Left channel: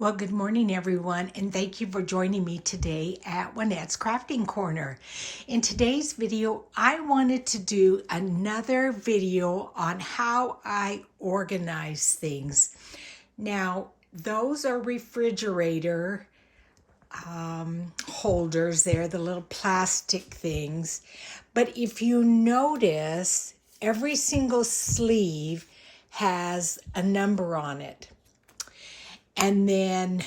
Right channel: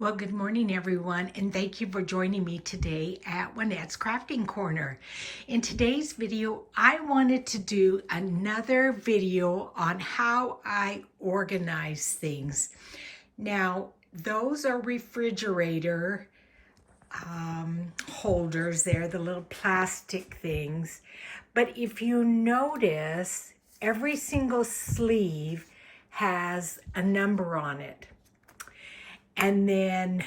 Well, good morning, everyone, and thank you for joining me today at Juanette's Crafting Corner. In today's video, I wanted to do another video on how I organize things. Now, those are refrigerator holders. They're the little plastic things. But if you notice, every single sleeve has a number on it. And then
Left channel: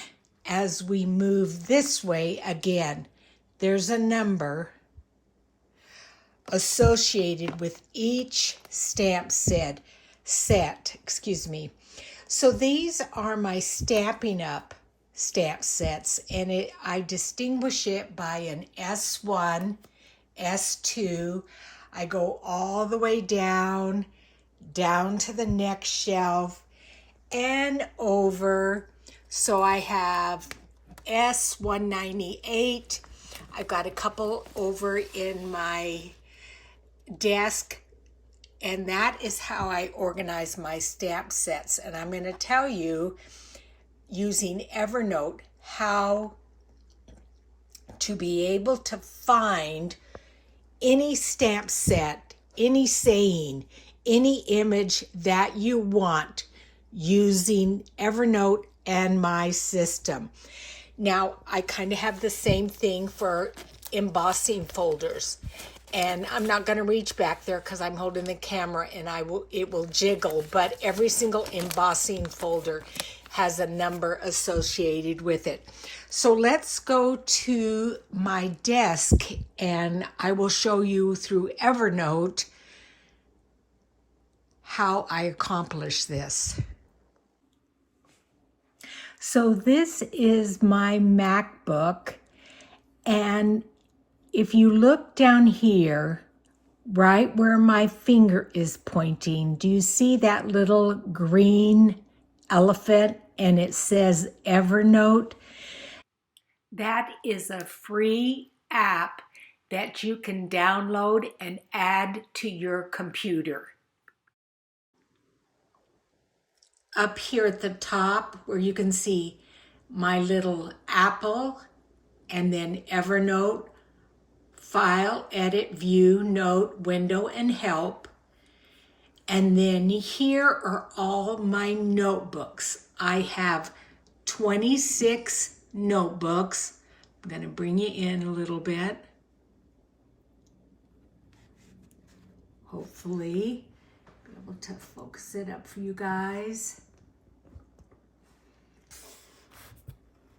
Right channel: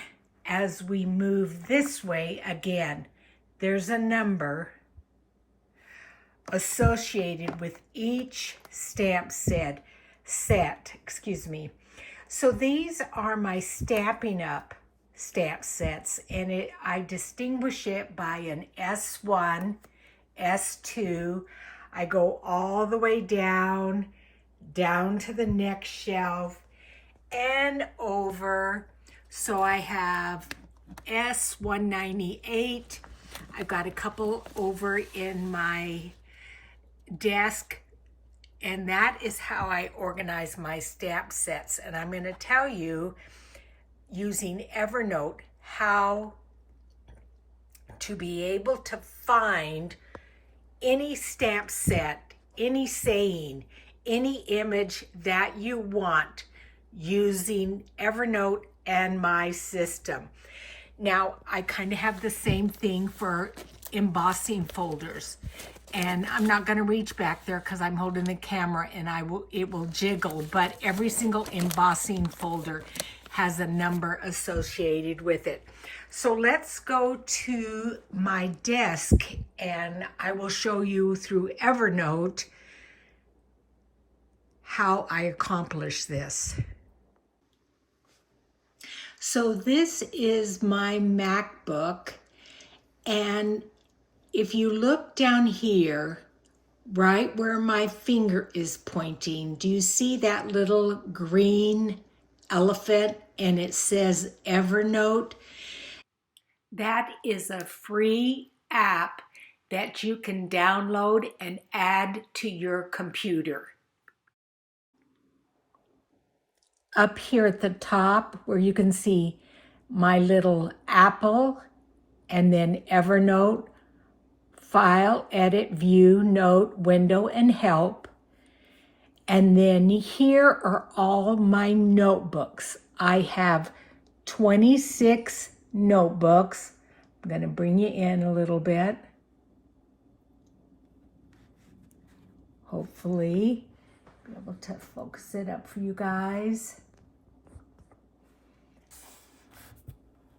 as we move this way, again, there's a number associated with each stamp set. So these are my Stampin' Up stamp sets, and I distinguish it by an S1, S2. I go all the way down to the next shelf and over. So I have S198. I've got a couple over in my desk, and that is how I organize my stamp sets. And I'm going to tell you, using Evernote, how to be able to find any stamp set, any saying, any image that you want using Evernote and my system. Now, I kind of have the same thing for embossing folders. And I'm not going to reach back there because I'm holding the camera and it will jiggle, but every single embossing folder has a number associated with it. So let's go to my desk and I will show you through Evernote how I accomplish this. So this is my MacBook, and if you look down here, right where my finger is pointing, do you see that little green elephant and it says Evernote? That is a free app that you can download and add to your computer. Up here at the top where you can see my little apple and then Evernote, File, Edit, View, Note, Window, and Help. And then here are all my notebooks. I have 26 notebooks. I'm going to bring you in a little bit. Hopefully, be able to focus it up for you guys.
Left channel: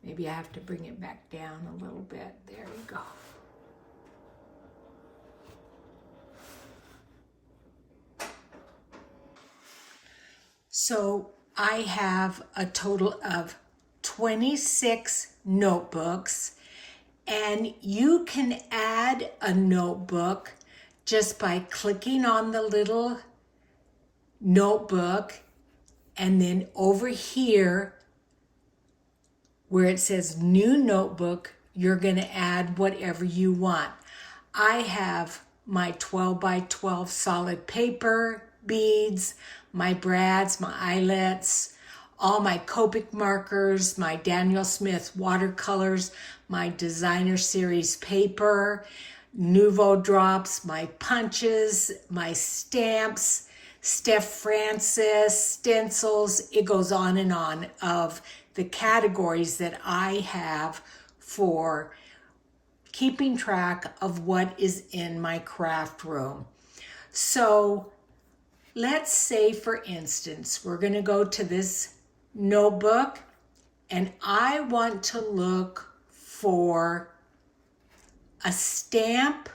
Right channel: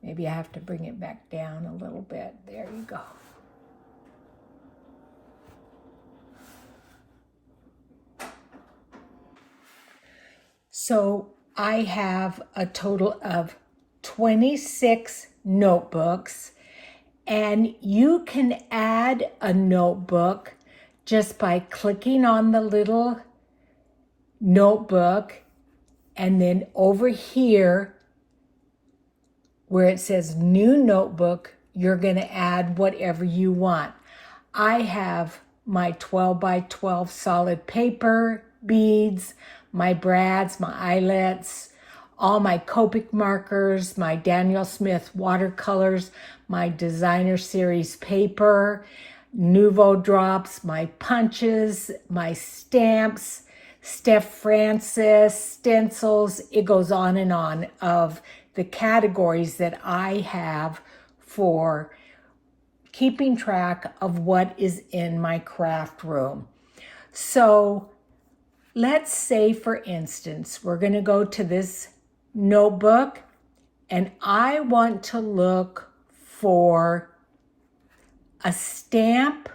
Maybe I have to bring it back down a little bit. There you go. So I have a total of 26 notebooks, and you can add a notebook just by clicking on the little notebook, and then over here where it says new notebook, you're going to add whatever you want. I have my 12 by 12 solid paper beads, my brads, my eyelets, all my Copic markers, my Daniel Smith watercolors, my designer series paper, Nouveau drops, my punches, my stamps, Steph Francis, stencils. It goes on and on of the categories that I have for keeping track of what is in my craft room. So let's say, for instance, we're going to go to this notebook and I want to look for a stamp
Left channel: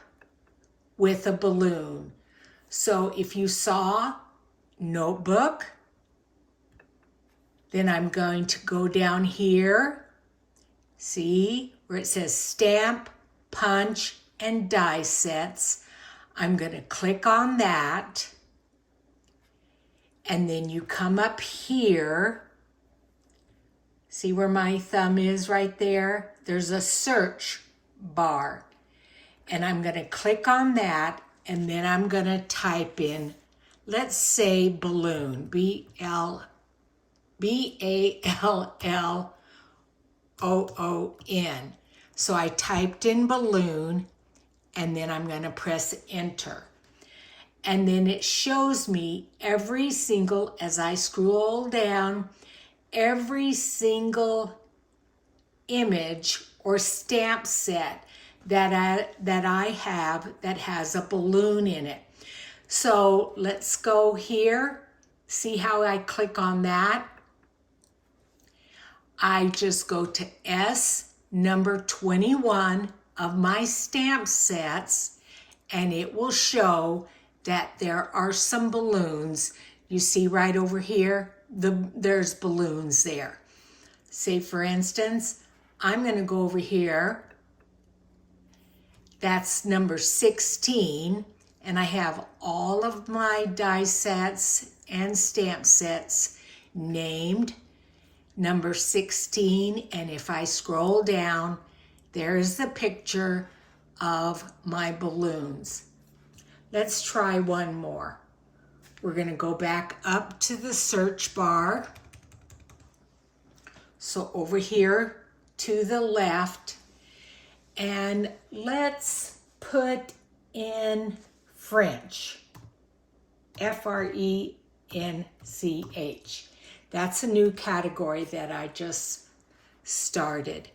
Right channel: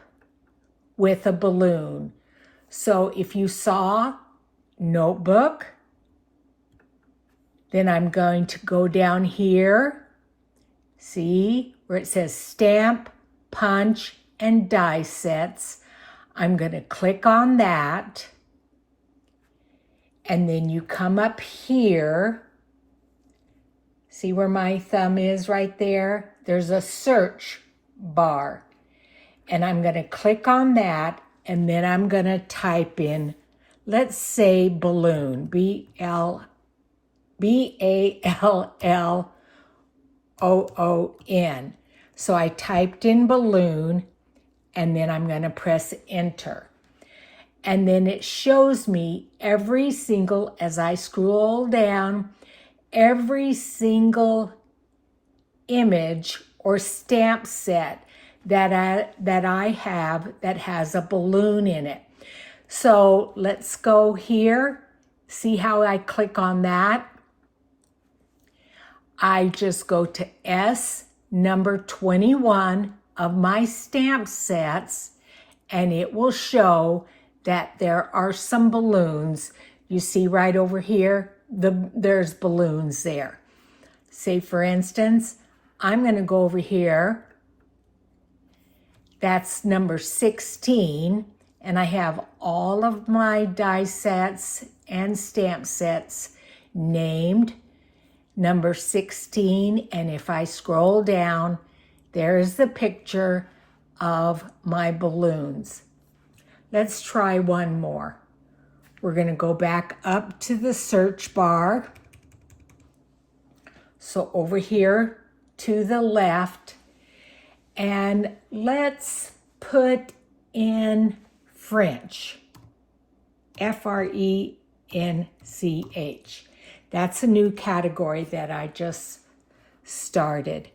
with a balloon. So if you saw notebook, then I'm going to go down here, see where it says stamp, punch, and die sets. I'm going to click on that. And then you come up here. See where my thumb is right there? There's a search bar. And I'm going to click on that. And then I'm going to type in, let's say balloon, B-A-L-L B-A-L-L-O-O-N. So I typed in balloon, and then I'm going to press enter. And then it shows me every single, as I scroll down, every single image or stamp set that I have that has a balloon in it. So let's go here. See how I click on that? I just go to S number 21 of my stamp sets, and it will show that there are some balloons. You see right over here, there's balloons there. Say for instance, I'm going to go over here. That's number 16, and I have all of my die sets and stamp sets named number 16, and if I scroll down, there's the picture of my balloons. Let's try one more. We're going to go back up to the search bar. So over here to the left, and let's put in French, F-R-E-N-C-H. That's a new category that I just started.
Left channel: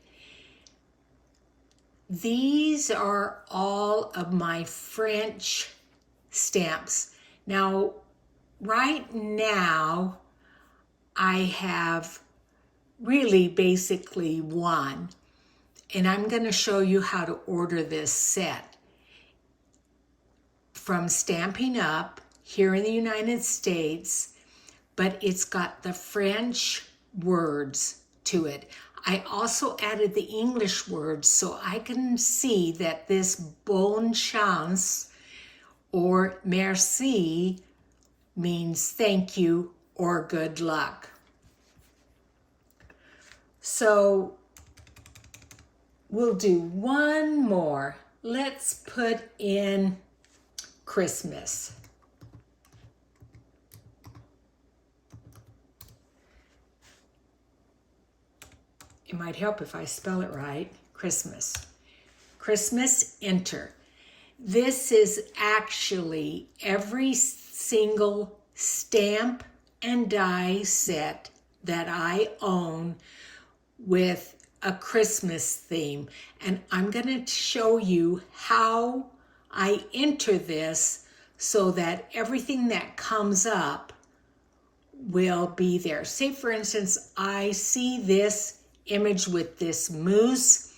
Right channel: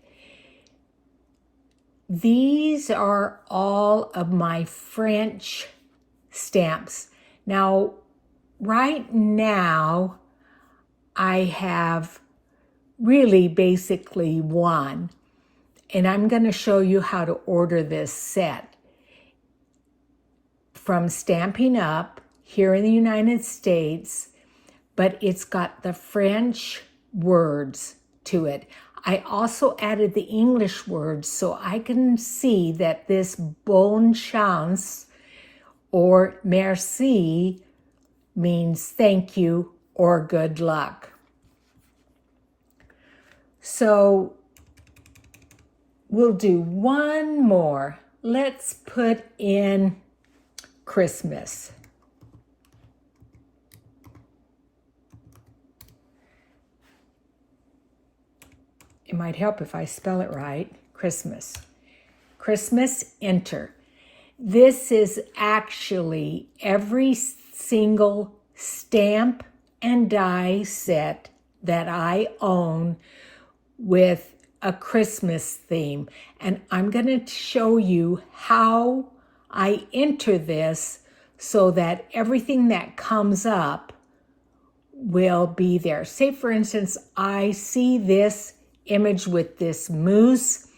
These are all of my French stamps. Now, right now, I have really basically one, and I'm going to show you how to order this set. From Stampin' Up! Here in the United States, but it's got the French words to it. I also added the English words so I can see that this bonne chance or merci means thank you or good luck. So we'll do one more. Let's put in Christmas. It might help if I spell it right. Christmas. Christmas, enter. This is actually every single stamp and die set that I own with a Christmas theme. And I'm going to show you how I enter this so that everything that comes up will be there. Say, for instance, I see this image with this moose.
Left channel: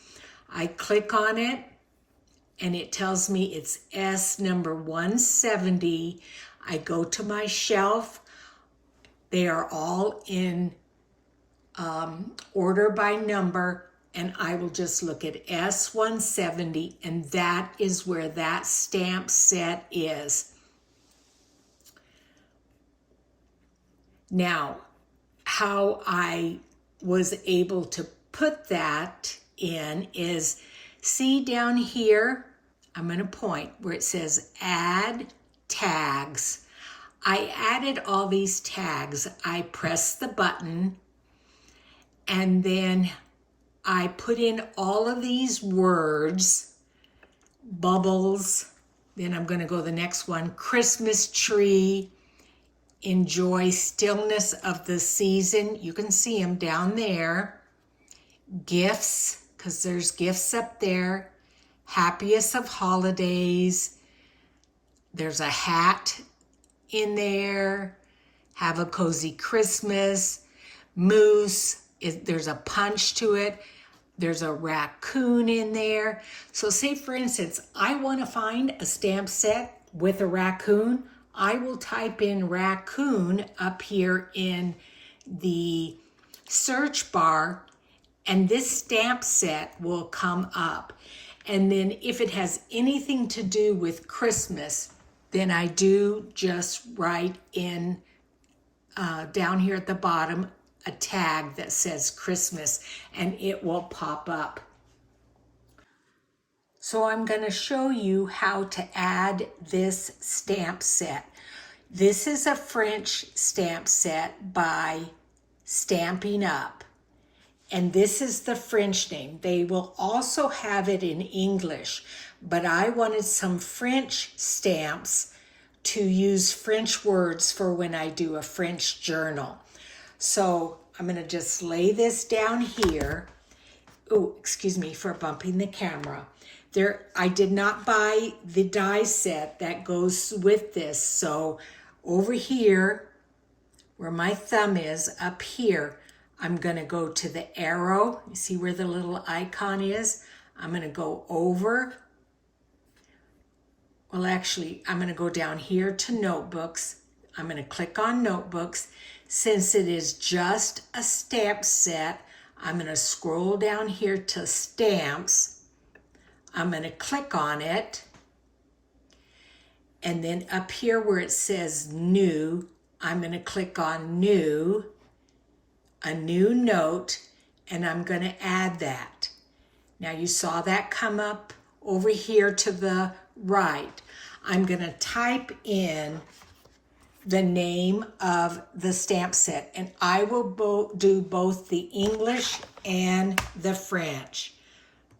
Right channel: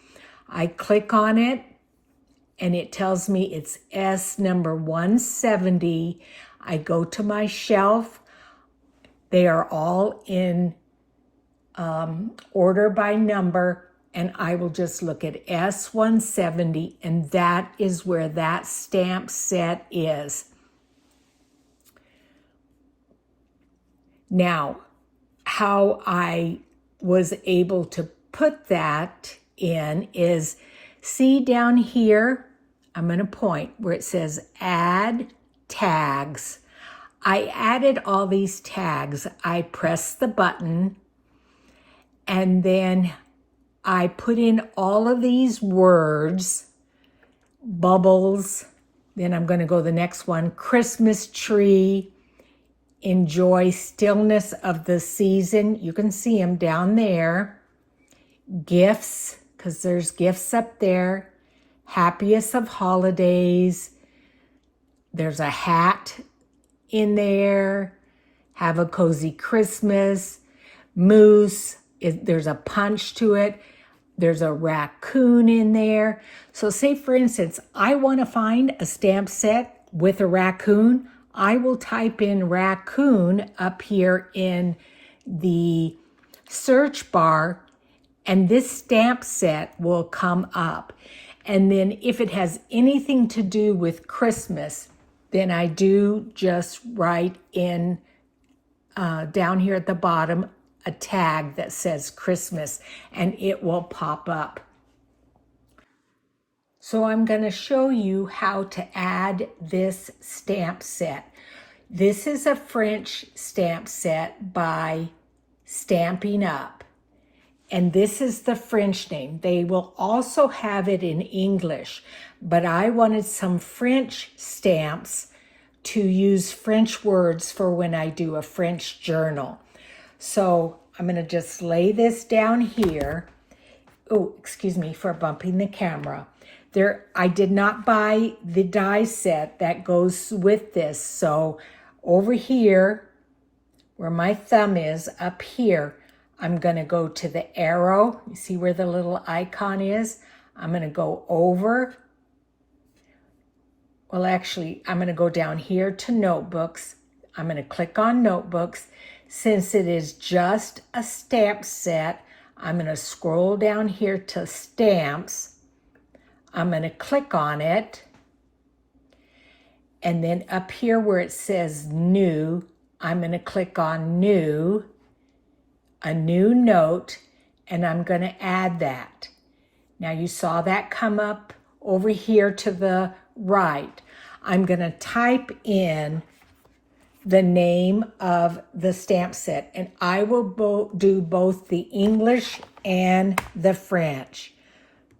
I click on it, and it tells me it's S number 170. I go to my shelf. They are all in order by number, and I will just look at S170, and that is where that stamp set is. Now, how I was able to put that in is, see down here, I'm going to point where it says add tags. I added all these tags. I pressed the button, and then I put in all of these words, bubbles, then I'm going to go to the next one, Christmas tree, enjoy stillness of the season. You can see them down there. Gifts, because there's gifts up there. Happiest of holidays. There's a hat in there. Have a cozy Christmas. Moose, there's a punch to it. There's a raccoon in there. So say, for instance, I want to find a stamp set with a raccoon. I will type in raccoon up here in the search bar, and this stamp set will come up. And then if it has anything to do with Christmas, then I do just write in down here at the bottom a tag that says Christmas, and it will pop up. So I'm going to show you how to add this stamp set. This is a French stamp set by Stampin' Up. And this is the French name. They will also have it in English, but I wanted some French stamps to use French words for when I do a French journal. So I'm going to just lay this down here. Oh, excuse me for bumping the camera. I did not buy the die set that goes with this. So over here, where my thumb is, up here, I'm going to go to the arrow. You see where the little icon is? I'm going to go over. Well, actually, I'm going to go down here to notebooks. I'm going to click on notebooks. Since it is just a stamp set, I'm going to scroll down here to stamps. I'm going to click on it. And then up here where it says new, I'm going to click on new, a new note, and I'm going to add that. Now you saw that come up over here to the right. I'm going to type in the name of the stamp set, and I will do both the English and the French.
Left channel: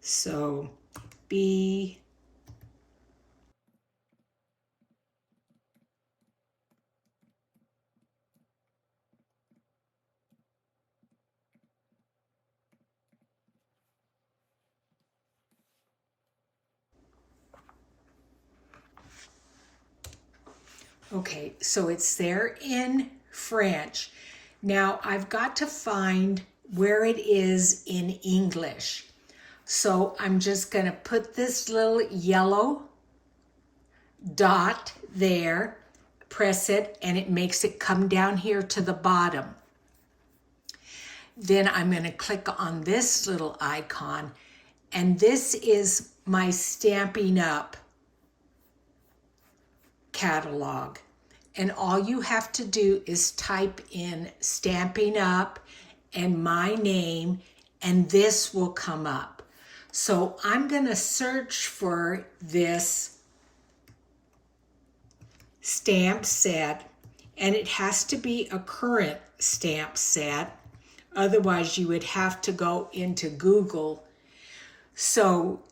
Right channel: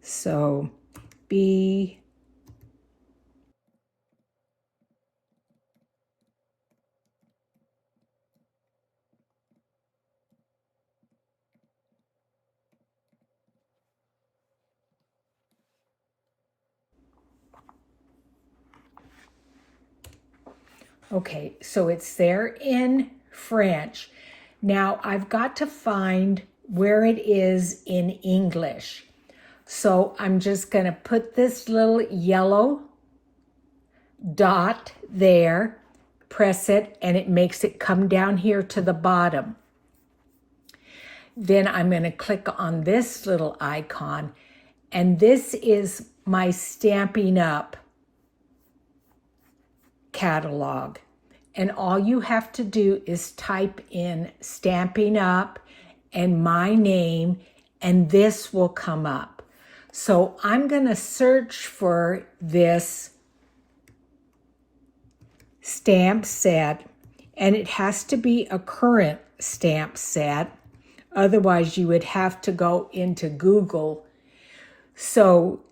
So B. Okay, so it's there in French. Now I've got to find where it is in English. So I'm just going to put this little yellow dot there, press it, and it makes it come down here to the bottom. Then I'm going to click on this little icon, and this is my Stampin' Up! Catalog. And all you have to do is type in Stampin' Up! And my name, and this will come up. So I'm going to search for this stamp set, and it has to be a current stamp set. Otherwise, you would have to go into Google. So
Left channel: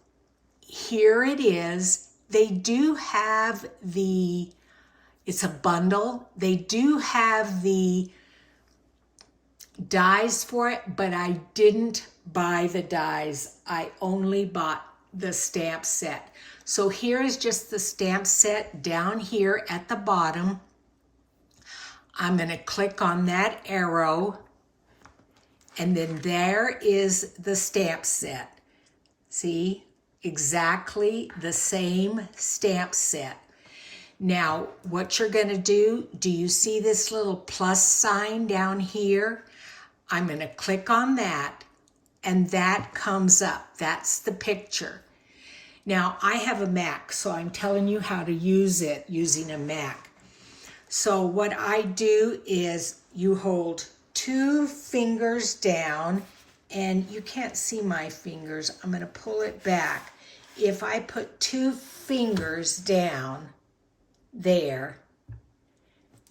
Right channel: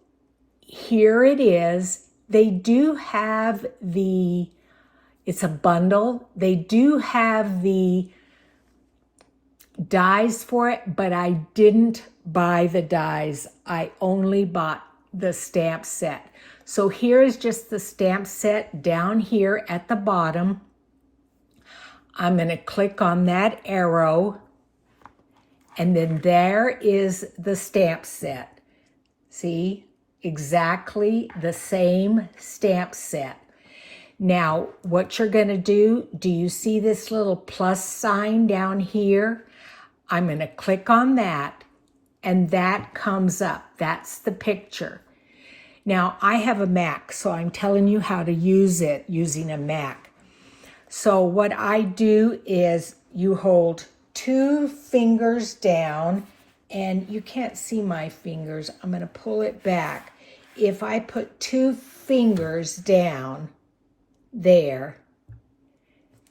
here it is. They do have it's a bundle. They do have the dies for it, but I didn't buy the dies. I only bought the stamp set. So here's just the stamp set down here at the bottom. I'm going to click on that arrow, and then there is the stamp set. See? Exactly the same stamp set. Now, what you're going to do you see this little plus sign down here? I'm going to click on that, and that comes up. That's the picture. Now, I have a Mac, so I'm telling you how to use it using a Mac. So what I do is you hold 2 fingers down, and you can't see my fingers. I'm going to pull it back. If I put 2 fingers down there,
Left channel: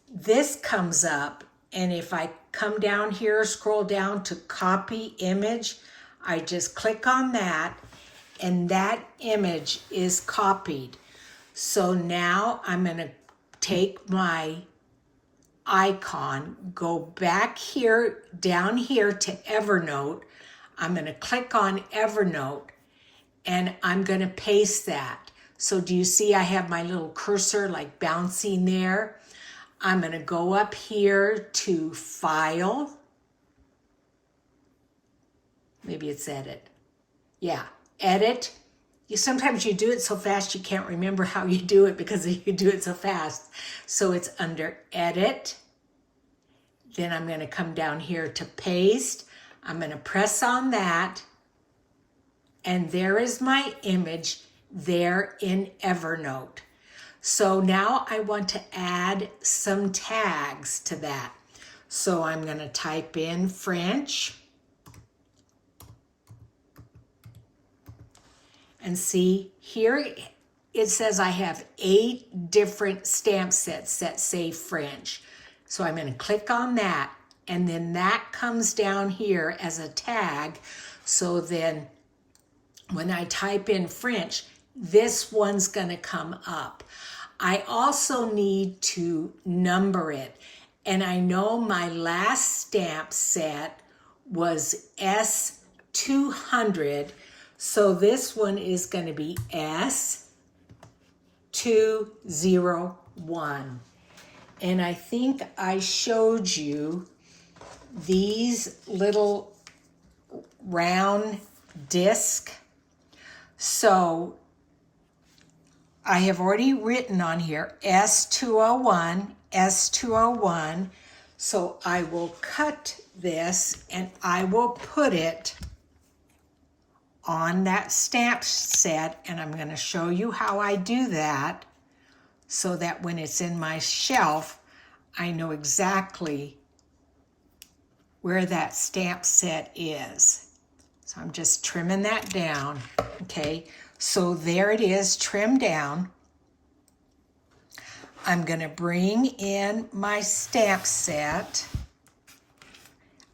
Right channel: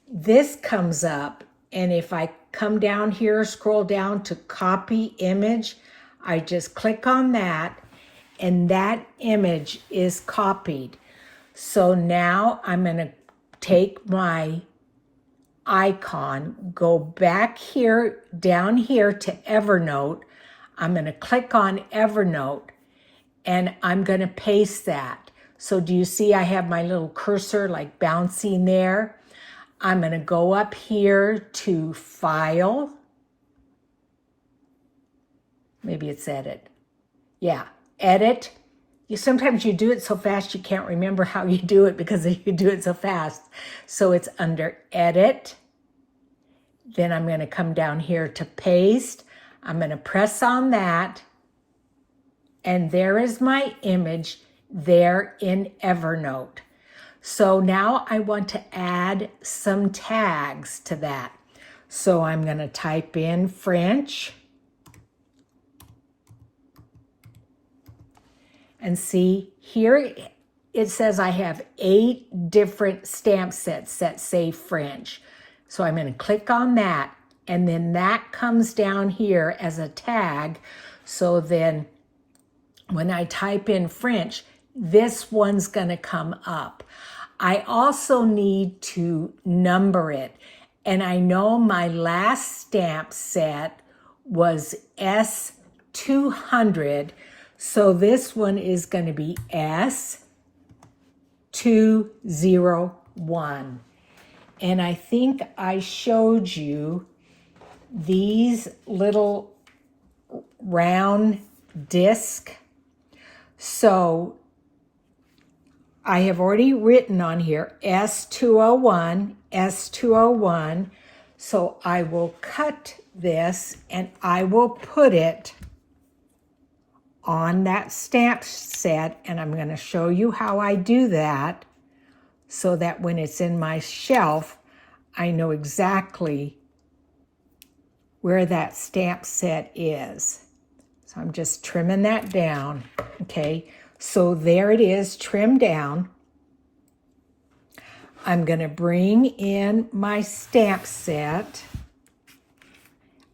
this comes up, and if I come down here, scroll down to copy image, I just click on that, and that image is copied. So now I'm going to take my icon, go back here, down here to Evernote. I'm going to click on Evernote, and I'm going to paste that. So do you see I have my little cursor like bouncing there? I'm going to go up here to File. Maybe it's Edit. Yeah, Edit. Sometimes you do it so fast you can't remember how you do it because you do it so fast. So it's under Edit. Then I'm going to come down here to Paste. I'm going to press on that. And there is my image there in Evernote. So now I want to add some tags to that. So I'm going to type in French. And see, here it says I have 8 different stamp sets that say French. So I'm going to click on that, and then that comes down here as a tag. So then when I type in French, this one's going to come up. I also need to number it. And I know my last stamp set was S200. So this one is going to be S201. And I think I showed you these little round disc. So I have already written on here S201, S201. So I will cut this and I will put it on that stamp set, and I'm going to show you how I do that so that when it's in my shelf, I know exactly where that stamp set is. So I'm just trimming that down, okay? So there it is, trimmed down. I'm going to bring in my stamp set.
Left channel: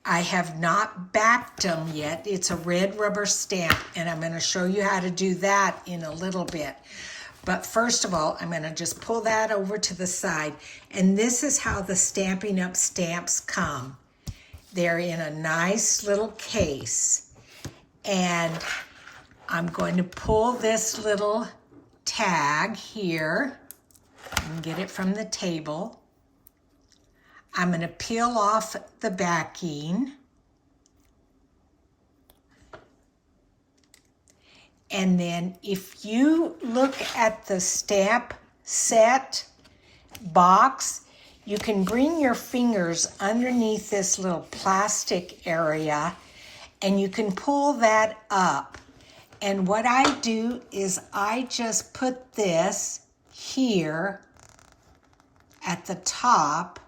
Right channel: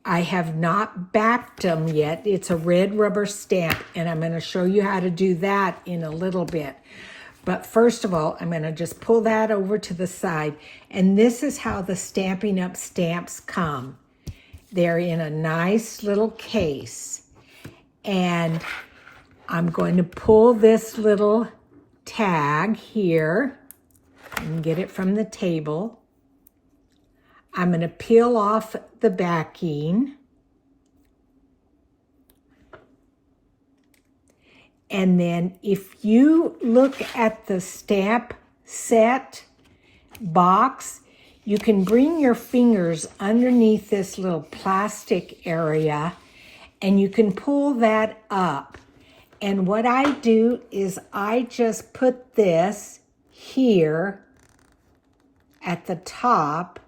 I have not backed them yet. It's a red rubber stamp, and I'm going to show you how to do that in a little bit. But first of all, I'm going to just pull that over to the side, and this is how the Stampin' Up! Stamps come. They're in a nice little case, and I'm going to pull this little tag here and get it from the table. I'm going to peel off the backing. And then if you look at the stamp set box, you can bring your fingers underneath this little plastic area and you can pull that up. And what I do is I just put this here at the top,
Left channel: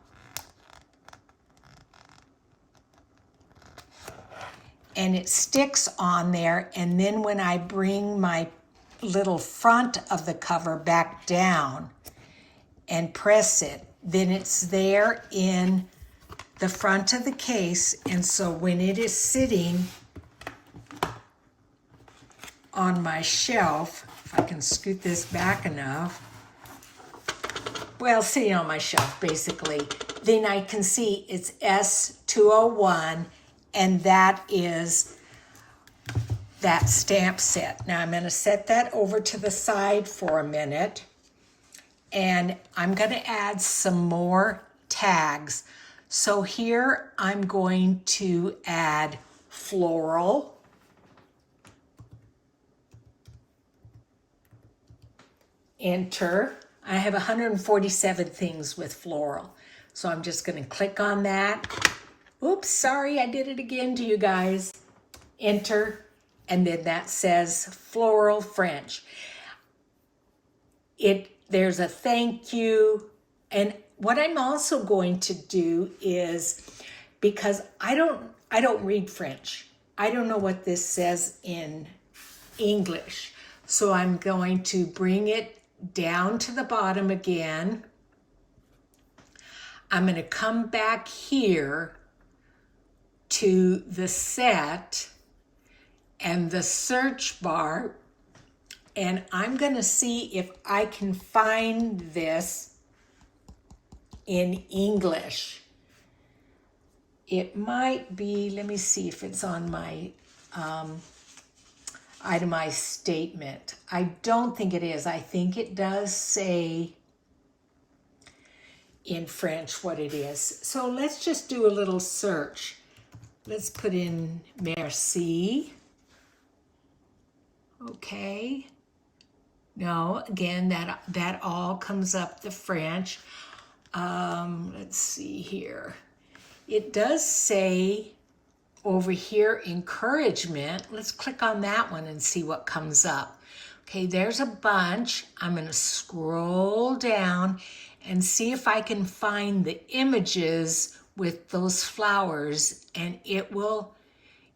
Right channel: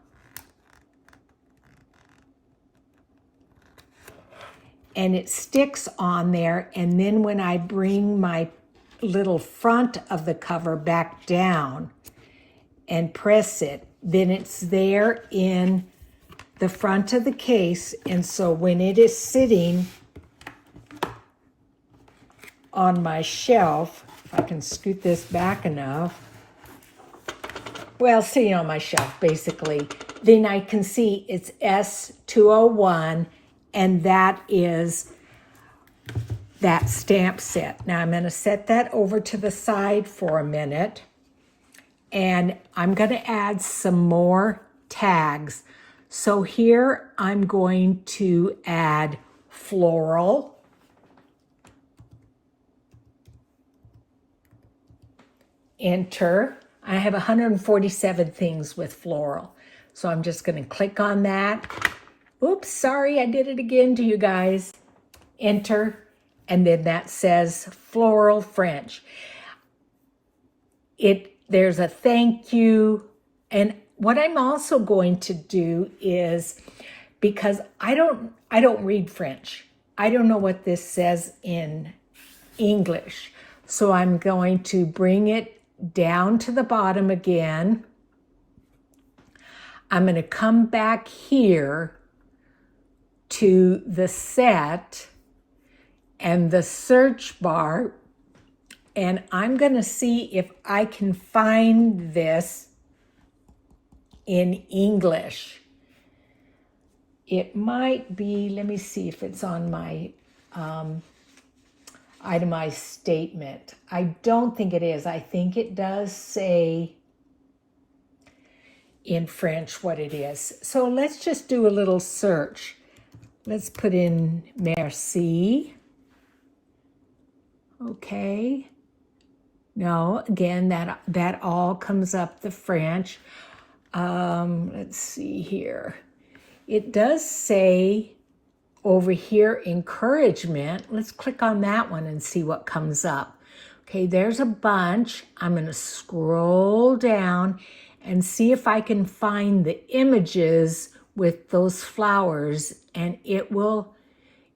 and it sticks on there, and then when I bring my little front of the cover back down and press it, then it's there in the front of the case. And so when it is sitting on my shelf, if I can scoot this back enough, well, sitting on my shelf basically, then I can see it's S201, and that is that stamp set. Now I'm going to set that over to the side for a minute, and I'm going to add some more tags. So here I'm going to add floral, enter. I have 147 things with floral. So I'm just going to click on that. Oops, sorry, I did it again to you guys. Enter, and then that says Floral French. There's a thank you. And what I'm also going to do is, because I don't read French, I don't know what this says in English. So I'm going to bring it down to the bottom again. I'm going to come back here to the set and the search bar, and I'm going to see if I can find this in English. It might be, let me see if it's on my itemized statement. I don't think it is. I think it does say in French what it is. So let's just do a little search. Let's put in merci. Okay. No, again, that all comes up the French. Let's see here. It does say over here, encouragement. Let's click on that one and see what comes up. Okay, there's a bunch. I'm going to scroll down and see if I can find the images with those flowers, and it will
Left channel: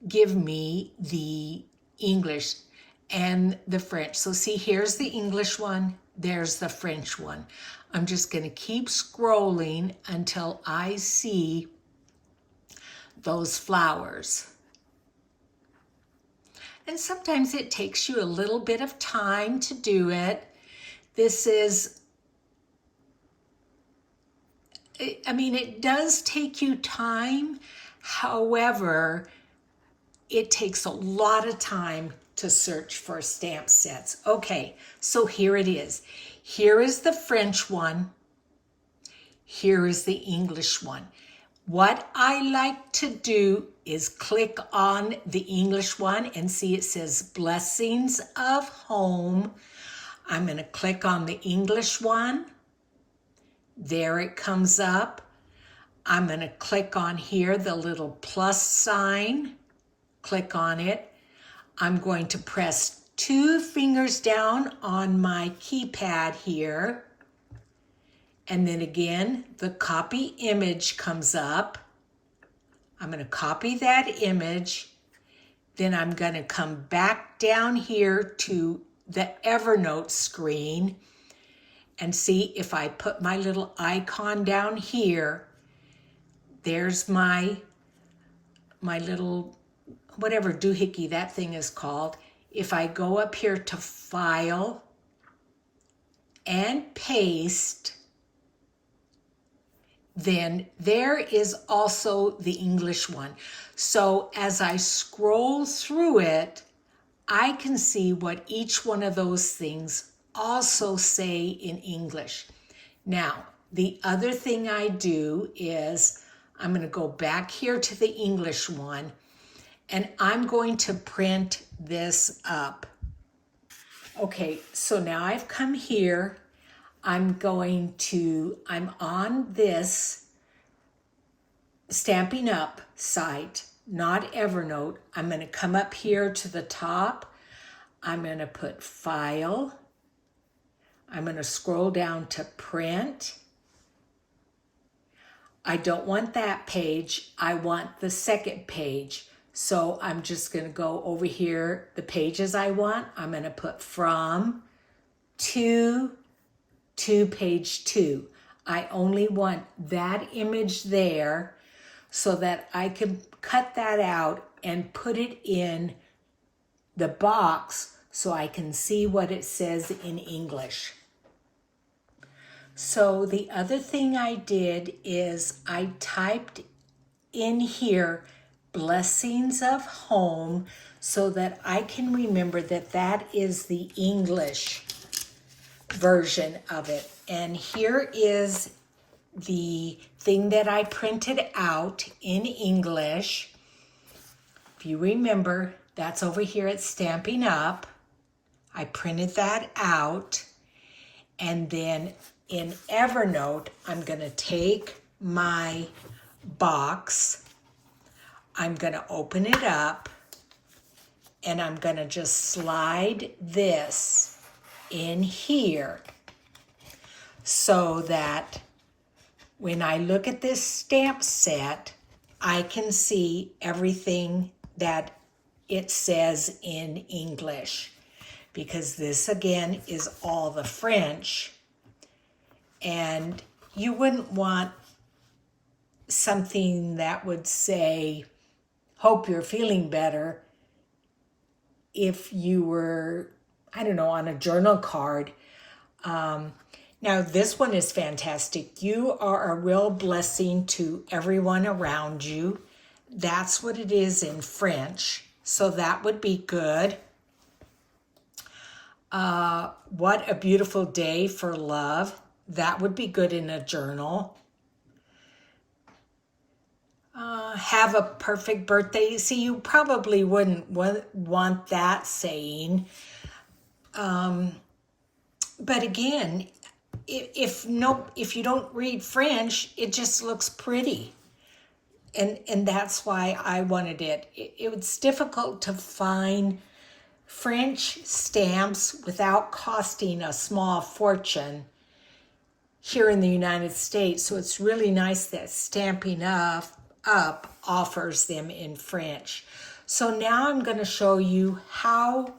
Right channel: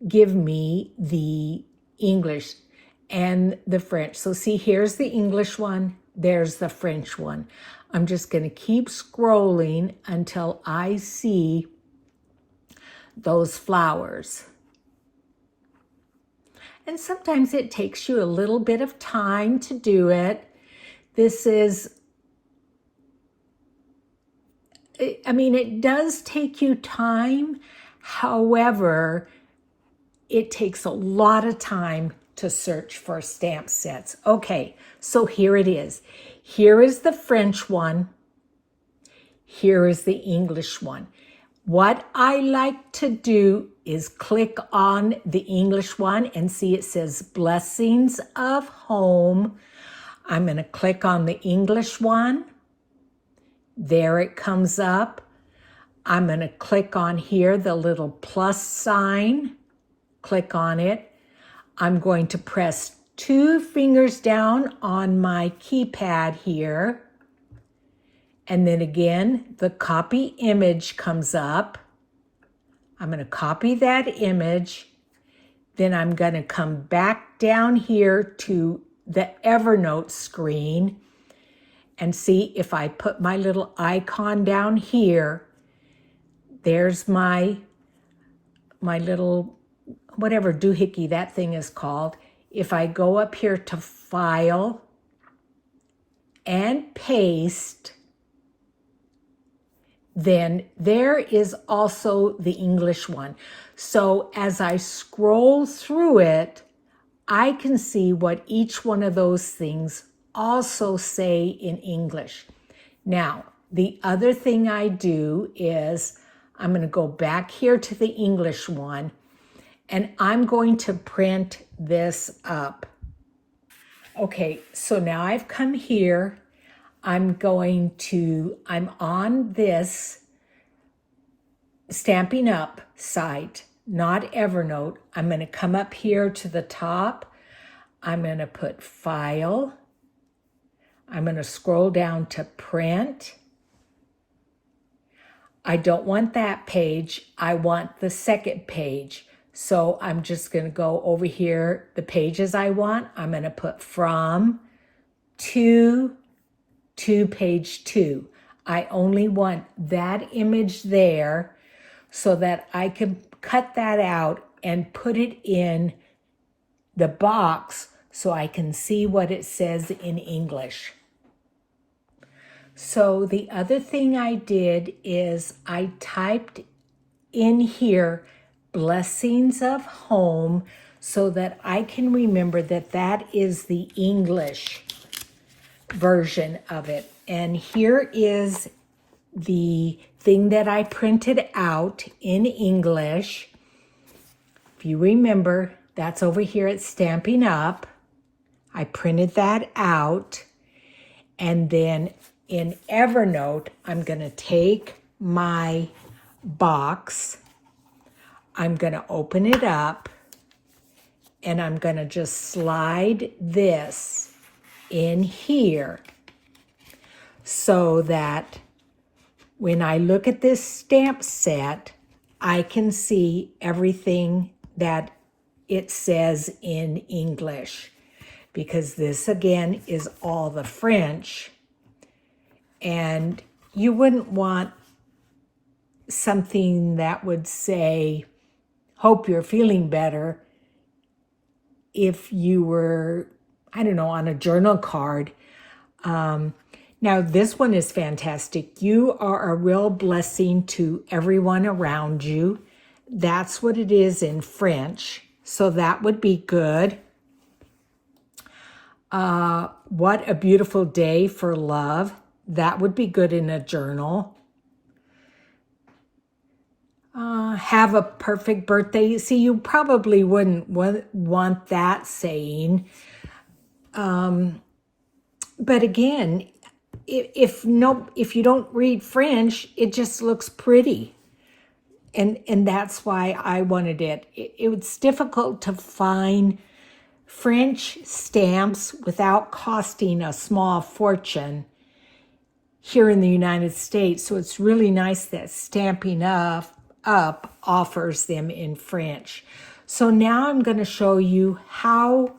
give me the English and the French. So see, here's the English one, there's the French one. I'm just going to keep scrolling until I see those flowers. And sometimes it takes you a little bit of time to do it. This is, I mean, it does take you time. However, it takes a lot of time to search for stamp sets. Okay, so here it is. Here is the French one. Here is the English one. What I like to do is click on the English one and see it says Blessings of Home. I'm going to click on the English one. There it comes up. I'm going to click on here, the little plus sign. Click on it. I'm going to press 2 fingers down on my keypad here. And then again, the copy image comes up. I'm going to copy that image. Then I'm going to come back down here to the Evernote screen and see if I put my little icon down here. There's my little, whatever doohickey that thing is called. If I go up here to File and Paste, then there is also the English one. So as I scroll through it, I can see what each one of those things also say in English. Now, the other thing I do is I'm going to go back here to the English one, and I'm going to print this up. Okay, so now I've come here. I'm on this Stampin' Up site, not Evernote. I'm going to come up here to the top. I'm going to put File. I'm going to scroll down to Print. I don't want that page. I want the second page. So I'm just going to go over here, the pages I want. I'm going to put From to page 2. I only want that image there so that I can cut that out and put it in the box so I can see what it says in English. So the other thing I did is I typed in here Blessings of Home so that I can remember that that is the English version of it. And here is the thing that I printed out in English. If you remember, that's over here at Stampin' Up. I printed that out. And then in Evernote, I'm going to take my box. I'm going to open it up. And I'm going to just slide this in here so that when I look at this stamp set, I can see everything that it says in English, because this again is all the French, and you wouldn't want something that would say, hope you're feeling better, if you were, I don't know, on a journal card. Now, this one is fantastic. You are a real blessing to everyone around you. That's what it is in French. So that would be good. What a beautiful day for love. That would be good in a journal. Have a perfect birthday. See, you probably wouldn't want that saying. But again, if you don't read French, it just looks pretty. And that's why I wanted it. It's difficult to find French stamps without costing a small fortune here in the United States. So it's really nice that Stampin' Up offers them in French. So now I'm going to show you how,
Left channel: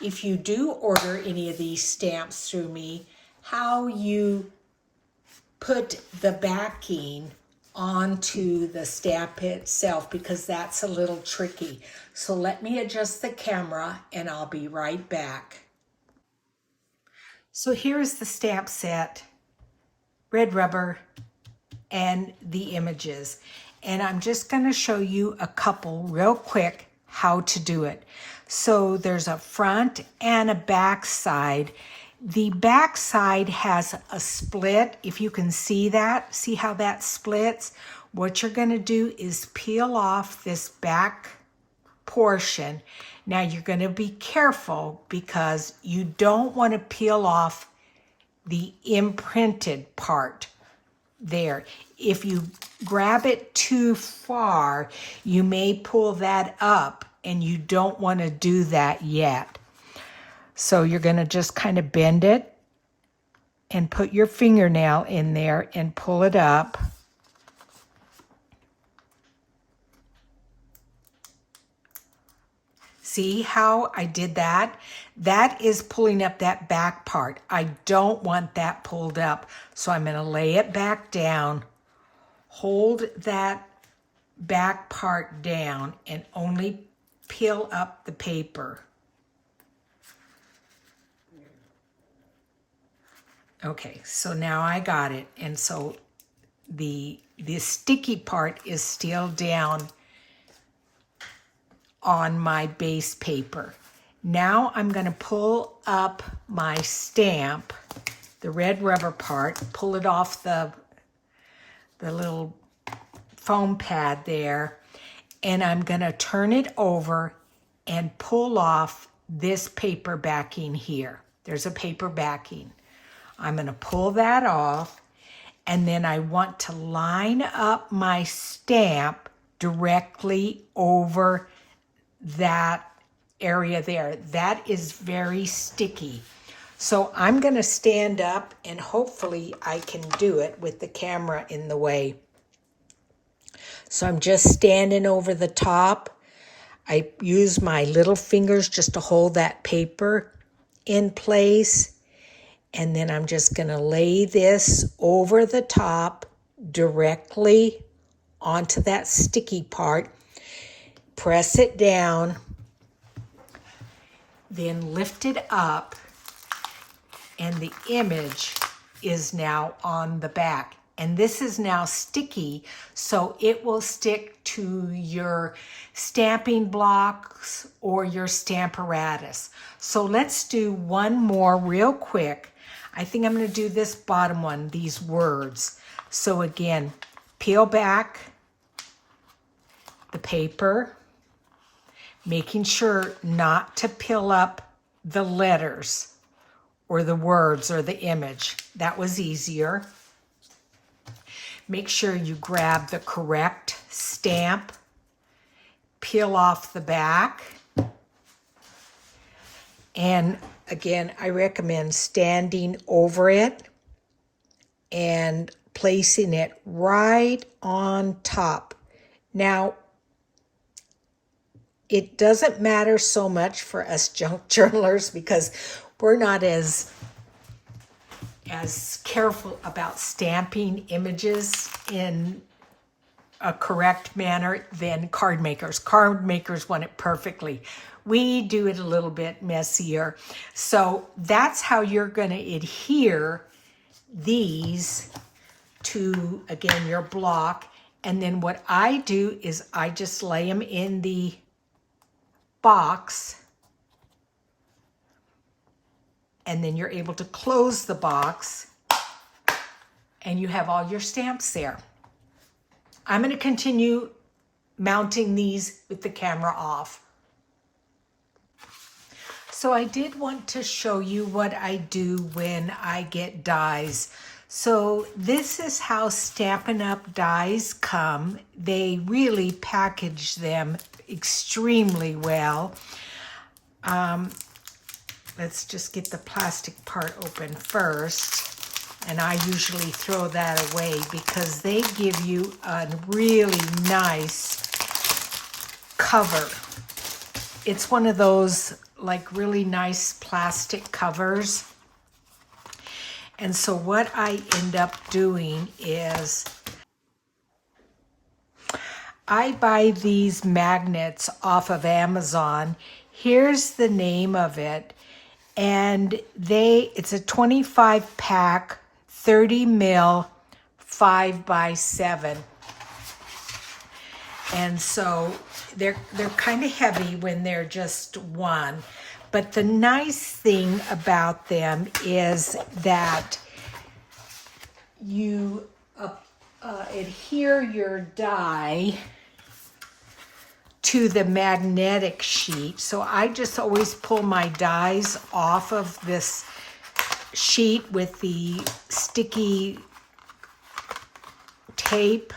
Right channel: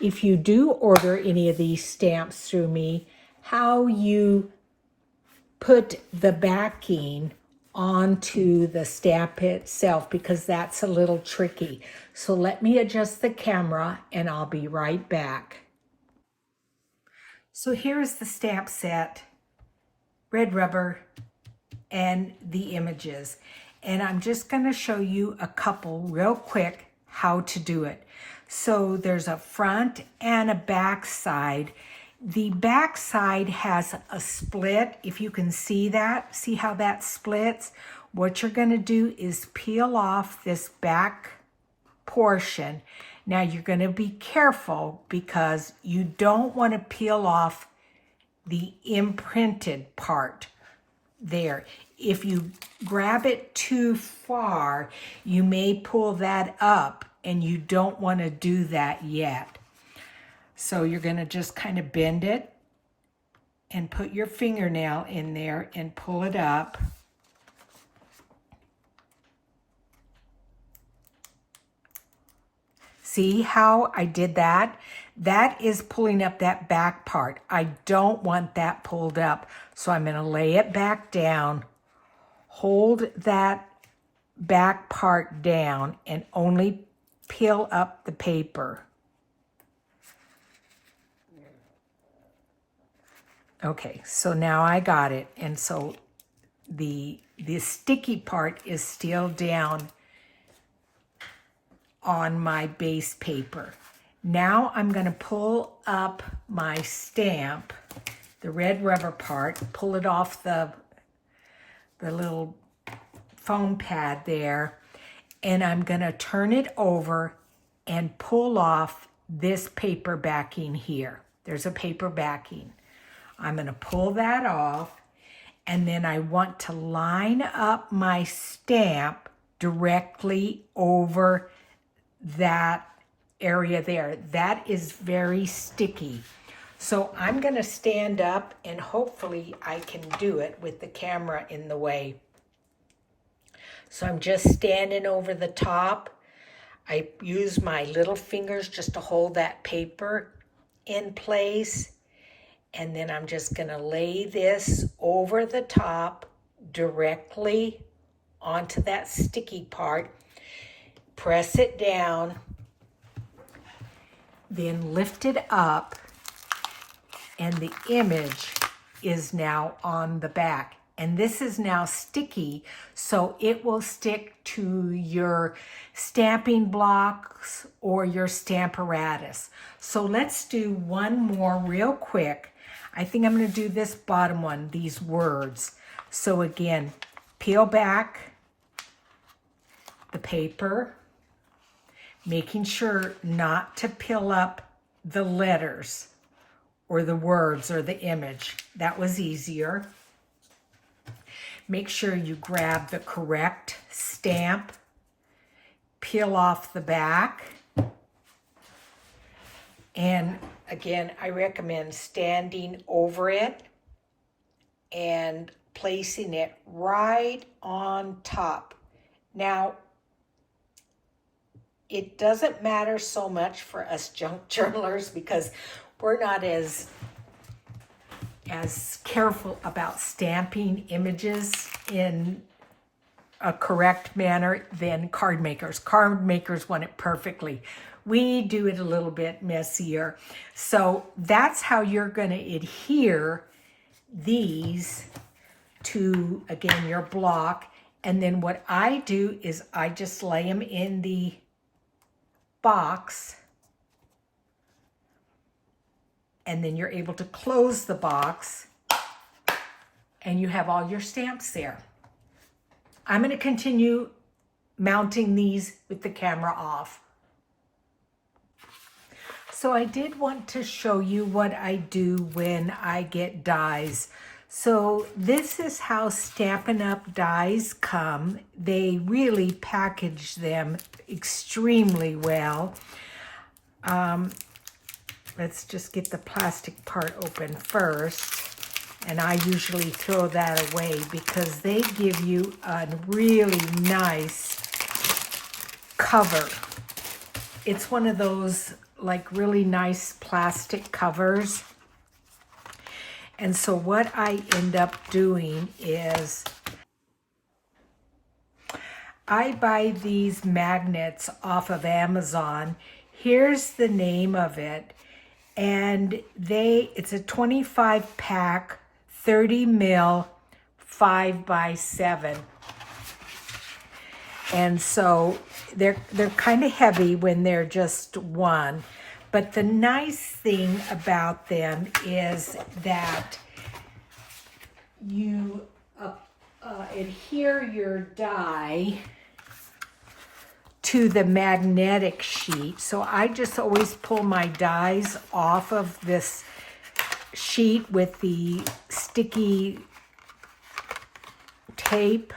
if you do order any of these stamps through me, how you put the backing onto the stamp itself because that's a little tricky. So let me adjust the camera and I'll be right back. So here's the stamp set, red rubber, and the images. And I'm just going to show you a couple real quick how to do it. So there's a front and a back side. The back side has a split. If you can see that, see how that splits? What you're going to do is peel off this back portion. Now you're going to be careful because you don't want to peel off the imprinted part there. If you grab it too far, you may pull that up, and you don't want to do that yet. So you're going to just kind of bend it and put your fingernail in there and pull it up. See how I did that? That is pulling up that back part. I don't want that pulled up. So I'm going to lay it back down, hold that back part down, and only peel up the paper. Okay, so now I got it. And so the sticky part is still down on my base paper. Now I'm going to pull up my stamp, the red rubber part, pull it off the little foam pad there, and I'm going to turn it over and pull off this paper backing here. There's a paper backing. I'm going to pull that off, and then I want to line up my stamp directly over that area there. That is very sticky. So I'm going to stand up, and hopefully I can do it with the camera in the way. So I'm just standing over the top. I use my little fingers just to hold that paper in place. And then I'm just going to lay this over the top directly onto that sticky part. Press it down, then lift it up, and the image is now on the back. And this is now sticky, so it will stick to your stamping blocks or your stamparatus. So let's do one more real quick. I think I'm going to do this bottom one, these words. So again, peel back the paper, making sure not to peel up the letters or the words or the image. That was easier. Make sure you grab the correct stamp, peel off the back, and again, I recommend standing over it and placing it right on top. Now, it doesn't matter so much for us junk journalers because we're not as careful about stamping images in a correct manner than card makers. Card makers want it perfectly. We do it a little bit messier. So that's how you're going to adhere these to, again, your block. And then what I do is I just lay them in the box, and then you're able to close the box and you have all your stamps there. I'm going to continue mounting these with the camera off. So I did want to show you what I do when I get dies. So this is how Stampin' Up! Dies come. They really package them extremely well. Let's just get the plastic part open first. And I usually throw that away because they give you a really nice cover. It's one of those like really nice plastic covers. And so what I end up doing is I buy these magnets off of Amazon. Here's the name of it. And it's a 25 pack, 30 mil, 5x7. And so they're kind of heavy when they're just one. But the nice thing about them is that you adhere your die to the magnetic sheet. So I just always pull my dies off of this sheet with the sticky tape.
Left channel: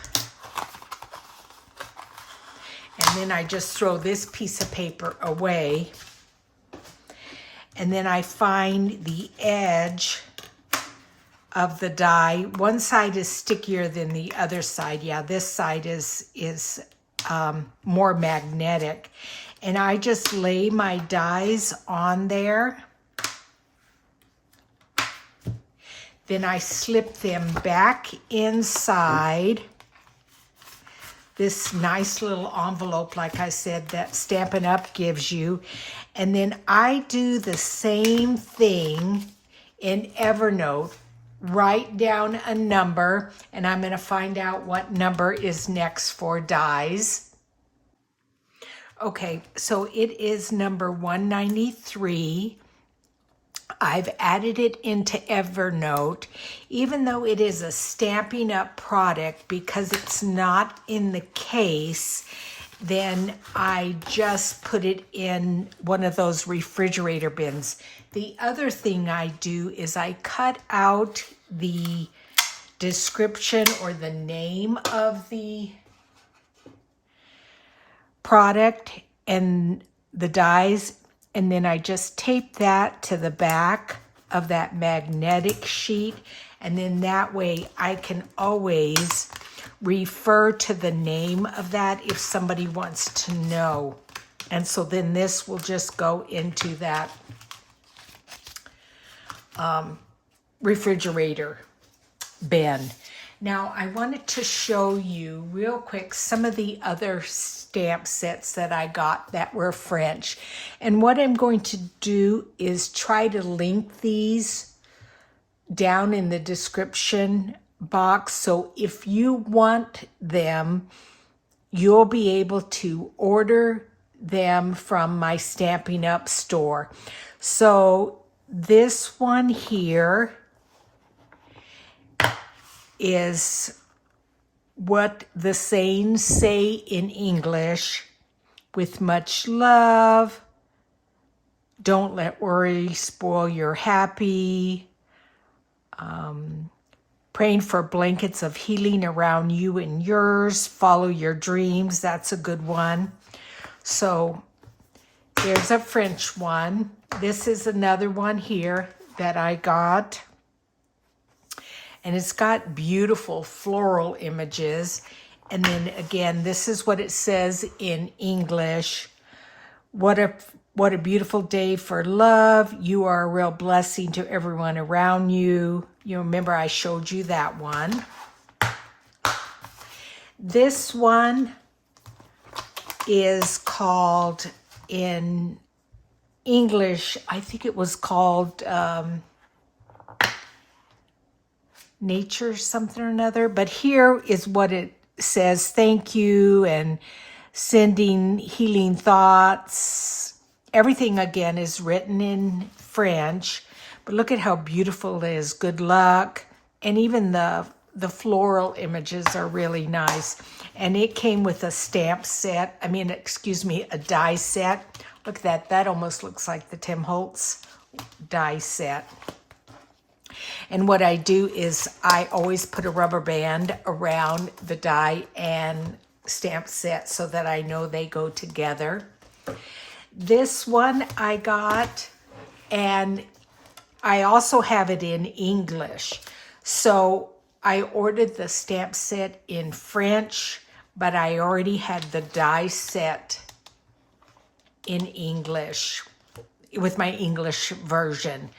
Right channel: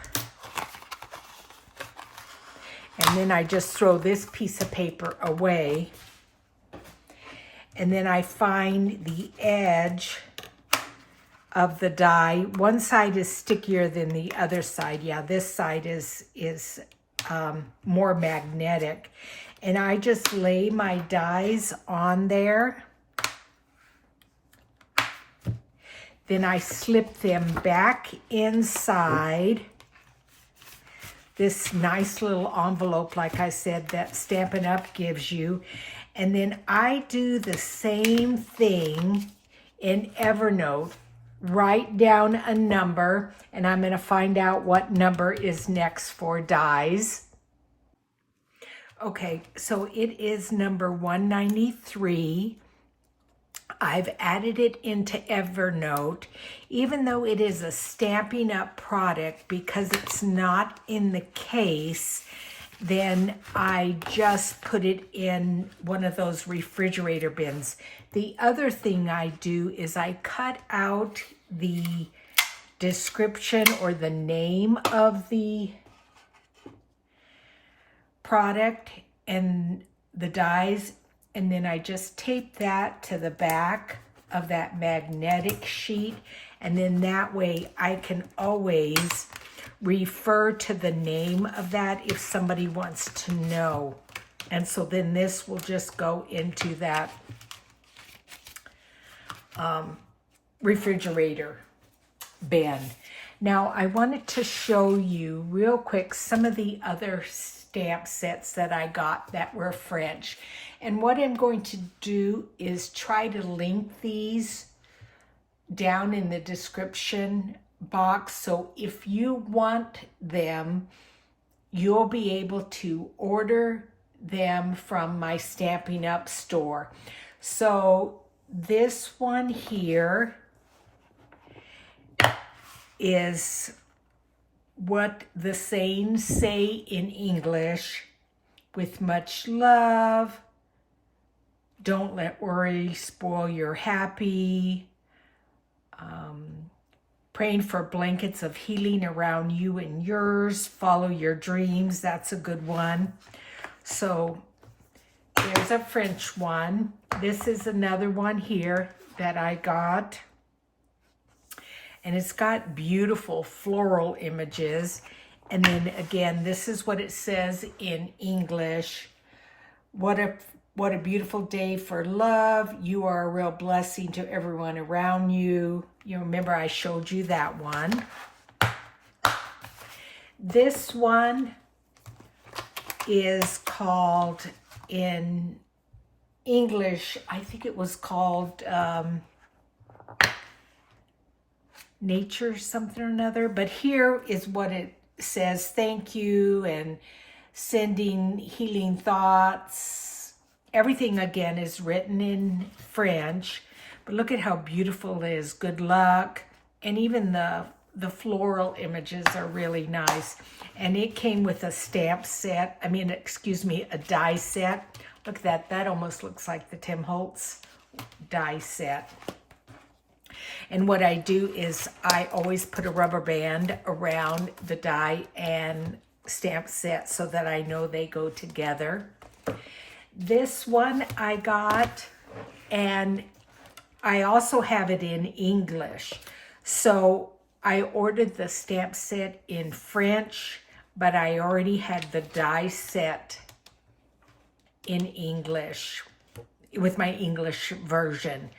And then I just throw this piece of paper away. And then I find the edge of the die. One side is stickier than the other side. Yeah, this side is more magnetic. And I just lay my dies on there. Then I slip them back inside this nice little envelope, like I said, that Stampin' Up! Gives you. And then I do the same thing in Evernote. Write down a number, and I'm going to find out what number is next for dies. Okay, so it is number 193. I've added it into Evernote, even though it is a Stampin' Up! Product, because it's not in the case. Then I just put it in one of those refrigerator bins. The other thing I do is I cut out the description or the name of the product and the dies, and then I just tape that to the back of that magnetic sheet, and then that way I can always refer to the name of that if somebody wants to know. And so then this will just go into that refrigerator bin. Now I wanted to show you real quick some of the other stamp sets that I got that were French. And what I'm going to do is try to link these down in the description box, so if you want them, you'll be able to order them from my Stampin' Up! Store. So this one here is what the sayings say in English: with much love, don't let worry spoil your happy, praying for blankets of healing around you and yours, follow your dreams. That's a good one. So there's a French one. This is another one here that I got. And it's got beautiful floral images. And then again, this is what it says in English. What a beautiful day for love. You are a real blessing to everyone around you. You remember I showed you that one. This one is called, in English, I think it was called Nature something or another. But here is what it says: thank you, and sending healing thoughts. Everything again is written in French, but look at how beautiful it is. Good luck. And even the floral images are really nice. And it came with a stamp set. A die set. Look at that. That almost looks like the Tim Holtz die set. And what I do is I always put a rubber band around the die and stamp set so that I know they go together. This one I got, and I also have it in English. So I ordered the stamp set in French, but I already had the die set in English with my English version.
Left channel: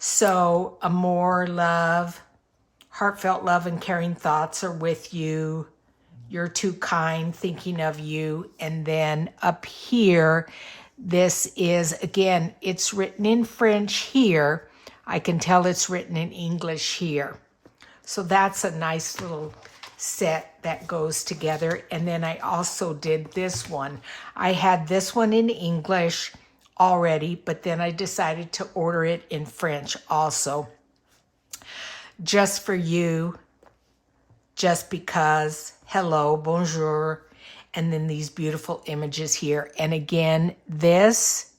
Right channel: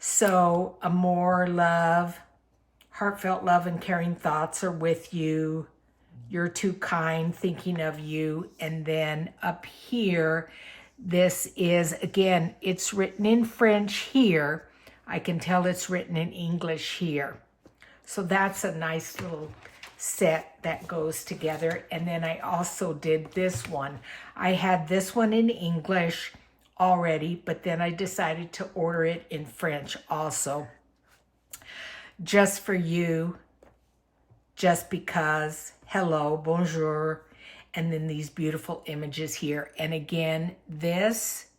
So amor, love, heartfelt love and caring thoughts are with you. you're too kind, thinking of you. And then up here, this is, again, it's written in French here. I can tell it's written in English here. So that's a nice little set that goes together. And then I also did this one. I had this one in English already, but then I decided to order it in French also. Just for you, just because, hello, bonjour, and then these beautiful images here. And again, this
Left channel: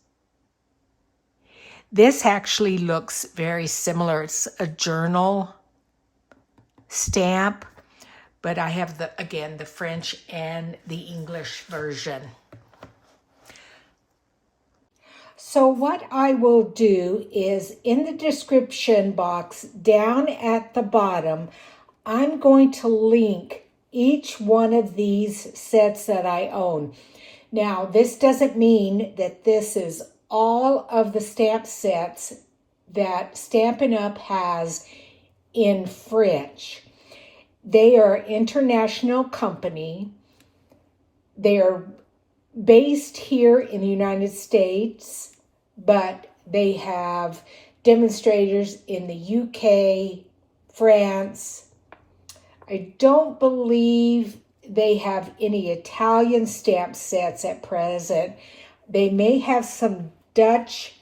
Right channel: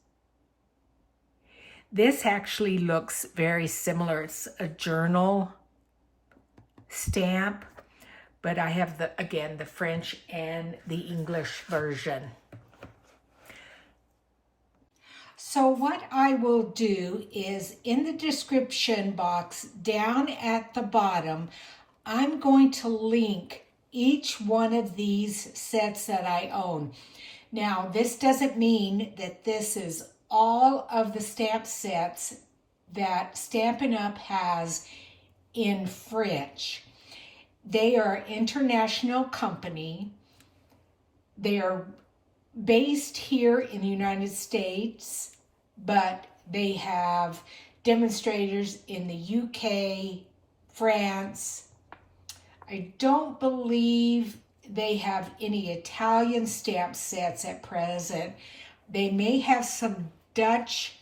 actually looks very similar. It's a journal stamp, but I have the French and the English version. So what I will do is in the description box down at the bottom, I'm going to link each one of these sets that I own. Now, this doesn't mean that this is all of the stamp sets that Stampin' Up! Has in French. They are an international company. They are based here in the United States, but they have demonstrators in the UK, France. I don't believe they have any Italian stamp sets at present. They may have some Dutch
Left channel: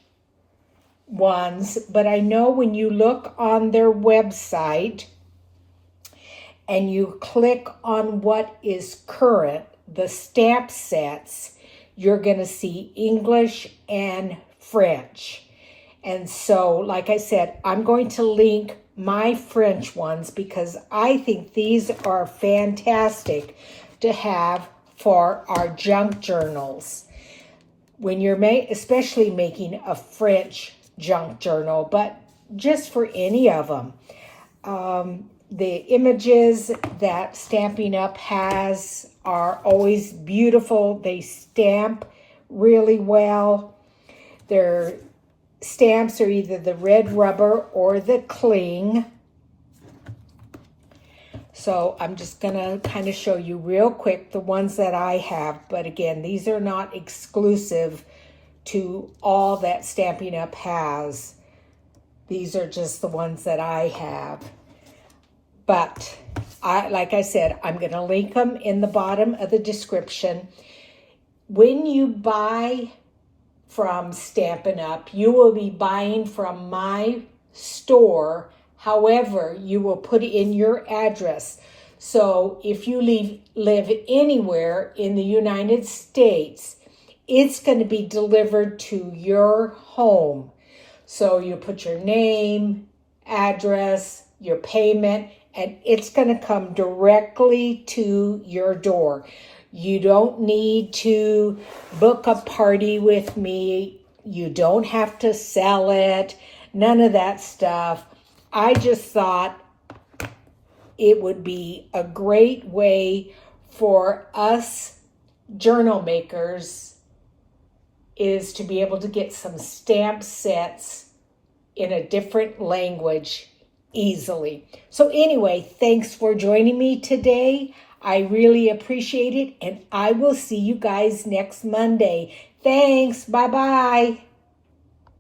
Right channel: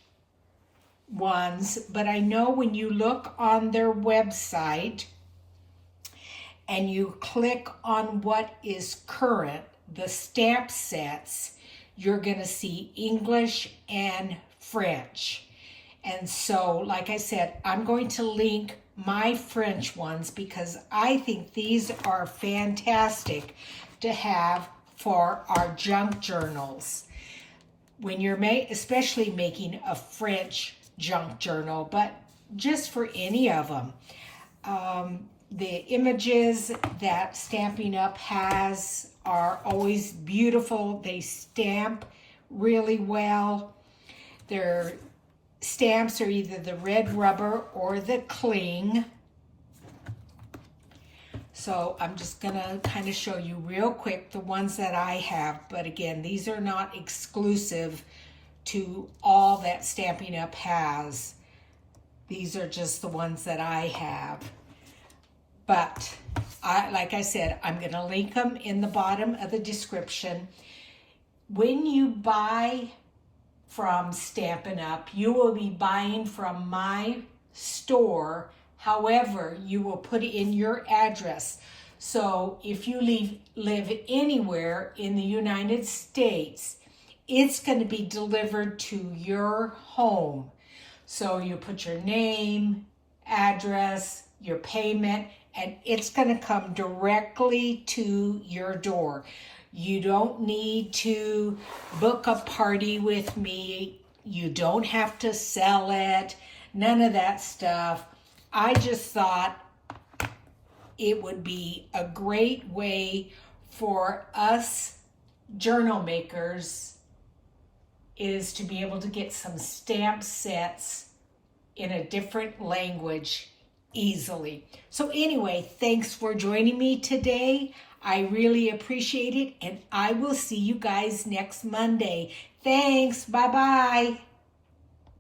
ones, but I know when you look on their website and you click on what is current, the stamp sets, you're going to see English and French. And so, like I said, I'm going to link my French ones because I think these are fantastic to have for our junk journals. When you're especially making a French junk journal, but just for any of them. The images that Stampin' Up! Has are always beautiful. They stamp really well. Their stamps are either the red rubber or the cling. So I'm just going to kind of show you real quick the ones that I have. But again, these are not exclusive to all that Stampin' Up! Has. These are just the ones that I have. But like I said, I'm going to link them in the bottom of the description. When you buy from Stampin' Up!, you will be buying from my store. However, you will put in your address. So if you live anywhere in the United States, it's going to be delivered to your home. So you put your name, address, your payment, and it's going to come directly to your door. You don't need to book a party with me. You don't have to sell it. None of that stuff. I just thought it would be a great way for us journal makers is to be able to get some stamp sets in a different language easily. So anyway, thanks for joining me today. I really appreciate it, and I will see you guys next Monday. Thanks. Bye-bye.